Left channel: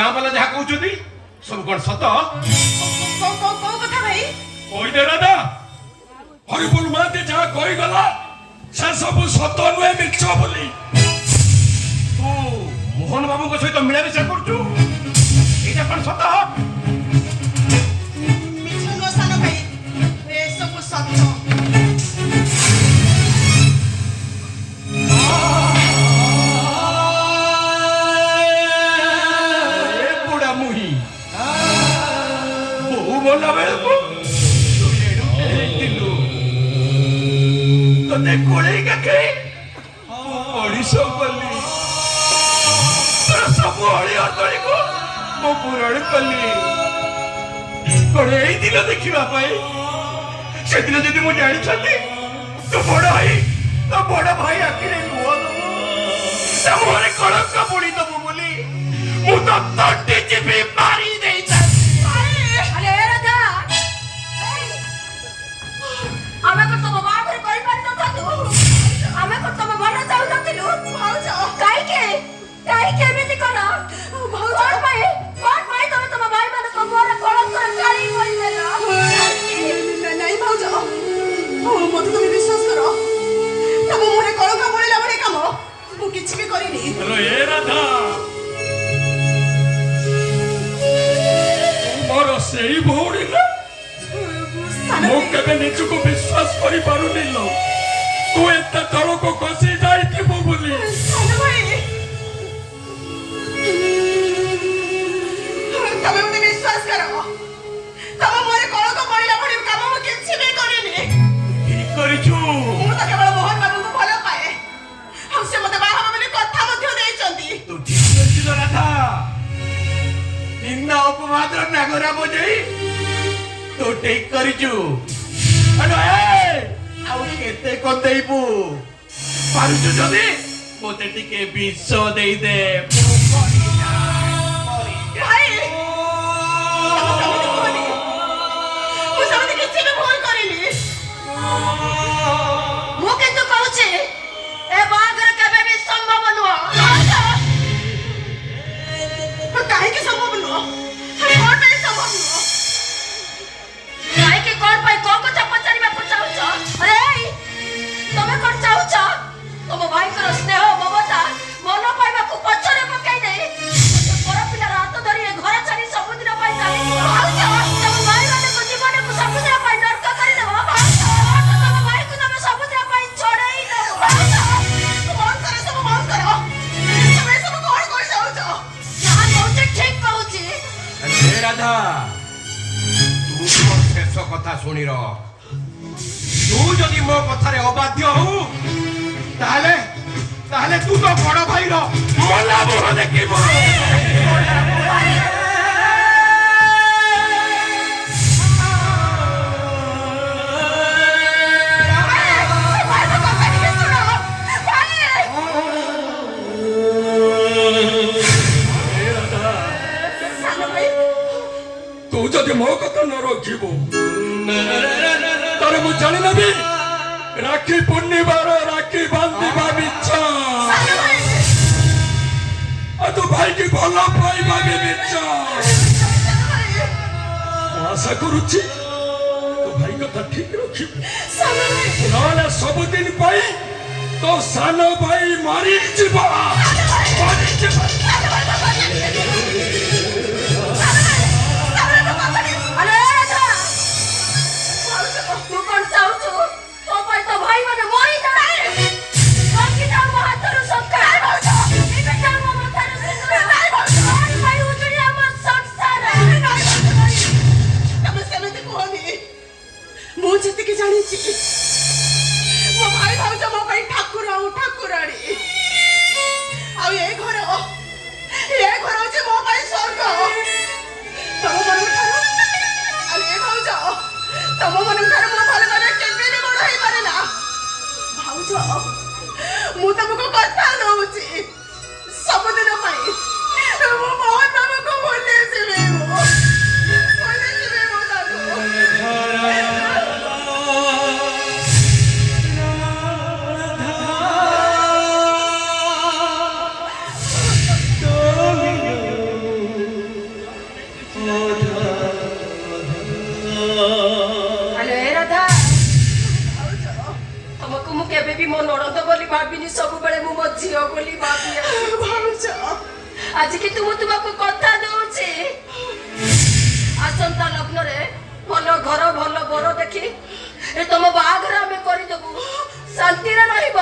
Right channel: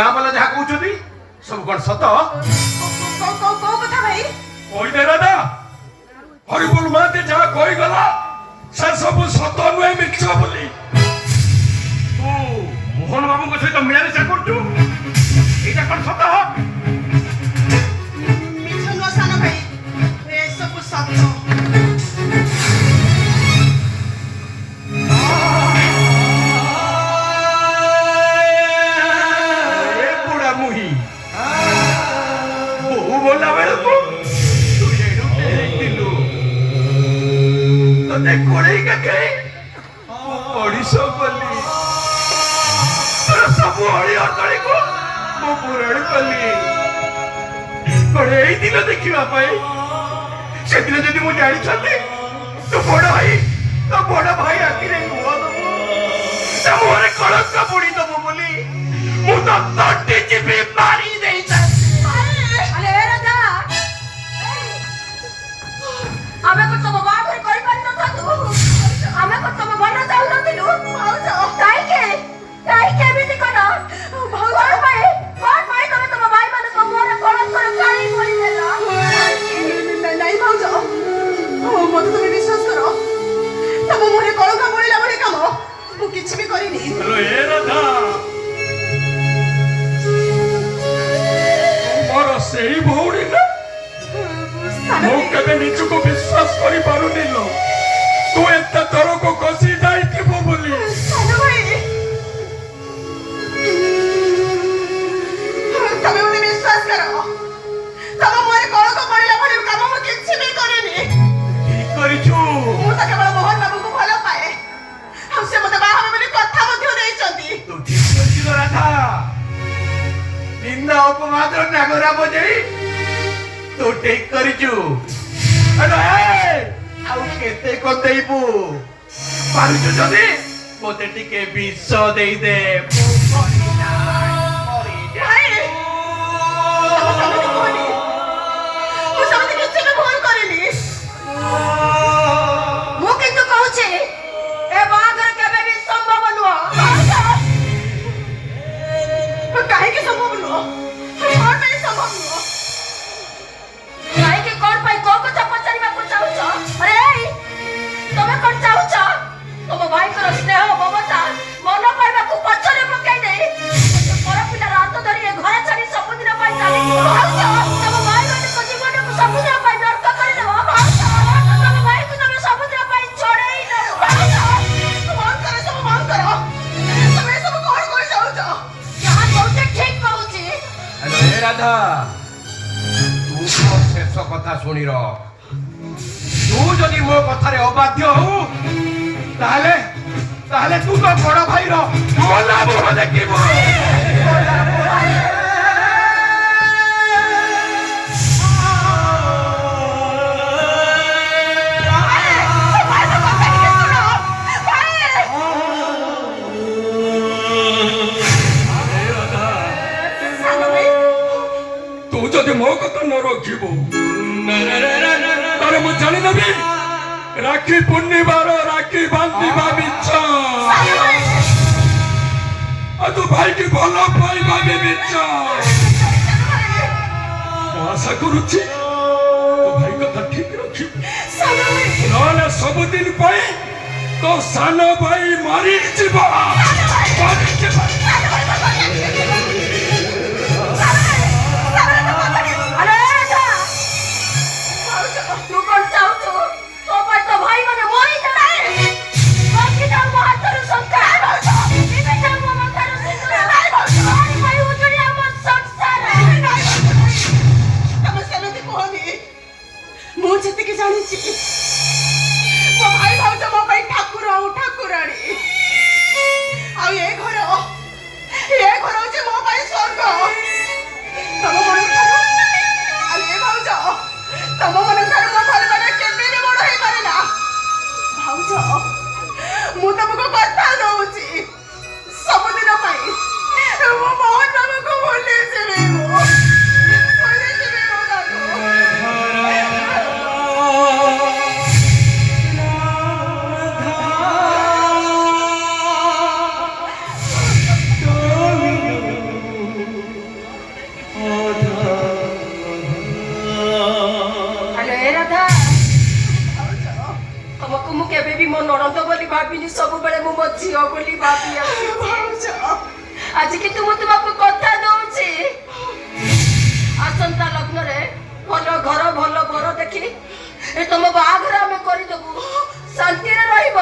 ଗାଁ ବାଲା ଯାହା କହୁଛନ୍ତି ସବୁ କଣ ସତ? କୋଉ କଥା ଭାଇ? କହିଦେ ରାଧା। ହରିପୁର ମହାନ୍ତି ଯାହା କହିଗଲା ସେ ସବୁ ସତ ନୁହେଁ ମିଛ ବୋଲି। ତୁ ମୋହନ ବାବୁଙ୍କ ସହିତ ମିଳାମିଶା କରୁଛୁ, ଏଇଟା କଣ ସତ? ମିଛ ନୁହଁ ସାନ ଭାଇ, ଏସବୁ ସତ। देखा से जी मुझे जानी तो बड़ भाई आखिर मुहरे कलंक बुड़ी दबु बोली मु तो तंटी चिपी मारी नहीं अरे राजा हमें को तुम बात कर पार न था तू हमें को तुम मन जाऊ न थिलु काई के भी करा भगवान भाई तुम भाई माने को मोर कलंक काई कोई देला नहीं भाउजो मते तुम विश्वास करो तुम मोरे कलंक बोलिला बड़ी काम मु किछ भी करिनी हेलो ए राधा मोर सेही भौणी ना मु कबे निचको विश्वास करि पारुनी लो तू एता तरो को कसी जाई थिबो बोली सानो भाई तमे मते विश्वास करो तम मोरे कलंक बोलिला बड़ी काम मु किछ भी करिनी ठीक करिछु मु त केवल मोहन बाबू को भलो पाए हम से मते बाहर में कथा मध्य देइचंती तू ठीक करिछु राधा निंदा अपमात्र नागरा बजई तू ठीक करिछु अरे आउ केते को देइबू पारुछु जदी मोते टिके विष देई दे भाई मु समझ किछ भी भूल करिनी मु किंतु कहूची ए बागर केबे भी संभव नुह काहे की संभव नुह कोन नहीं संभव नुह काहे की कोन पाई को कथा पचारिबा को चाहूछ अरे तमे कोन चाहूछ तम भाई कर स्नेह ममता मन पाइबा को पचरे पकाई दे पर पिला रात धरि ए घर छाडी समुद्र पाई चाली तम भाई माने को जीवन को समुद्र पाई नरक कर देबो तम भाई को तमे समुद्र पाई छोड़ई न मन करे सब मन करो तमे सब कोन कोई जाउछ यहां कहूछ ठीक कहूची अरे राधा तू तो शेष कथा सुनी र तू जदि मो कथारे अबाध्य हो ताले ताले तू तो बड़ भाई रो मोला मोह देखिबो तू जदि मो कथा न रखिबो तारे मु जानि नबी राखी पूर्णिमार राखी बांधिबा मिच्छा आ तू भाई की भला पाइबा भी मिच्छा आशा करुछि तो भाई कथा ठीक रखी ना सब दिन पाई तो साना भाई मारी जीवा ମୁଁ ତମକୁ କଥା ଦଉଛି ସବୁଦିନ ପାଇଁ ମୁଁ ମୋହନ ବାବୁଙ୍କୁ ଭୁଲି ଯିବି କରି ଆସିଛି। ଆଜି କିନ୍ତୁ ମୁଁ ତୁମକୁ କଥା ଦଉଛି, ଆସନ୍ତା ଲଗ୍ନରେ ଭଲ ଘର ଭଲ ବର ଦେଖି ଏ ତମ ବାହାଘର ଆମେ କରିଦେବୁ, ଶାନ୍ତିରେ ରହିବ।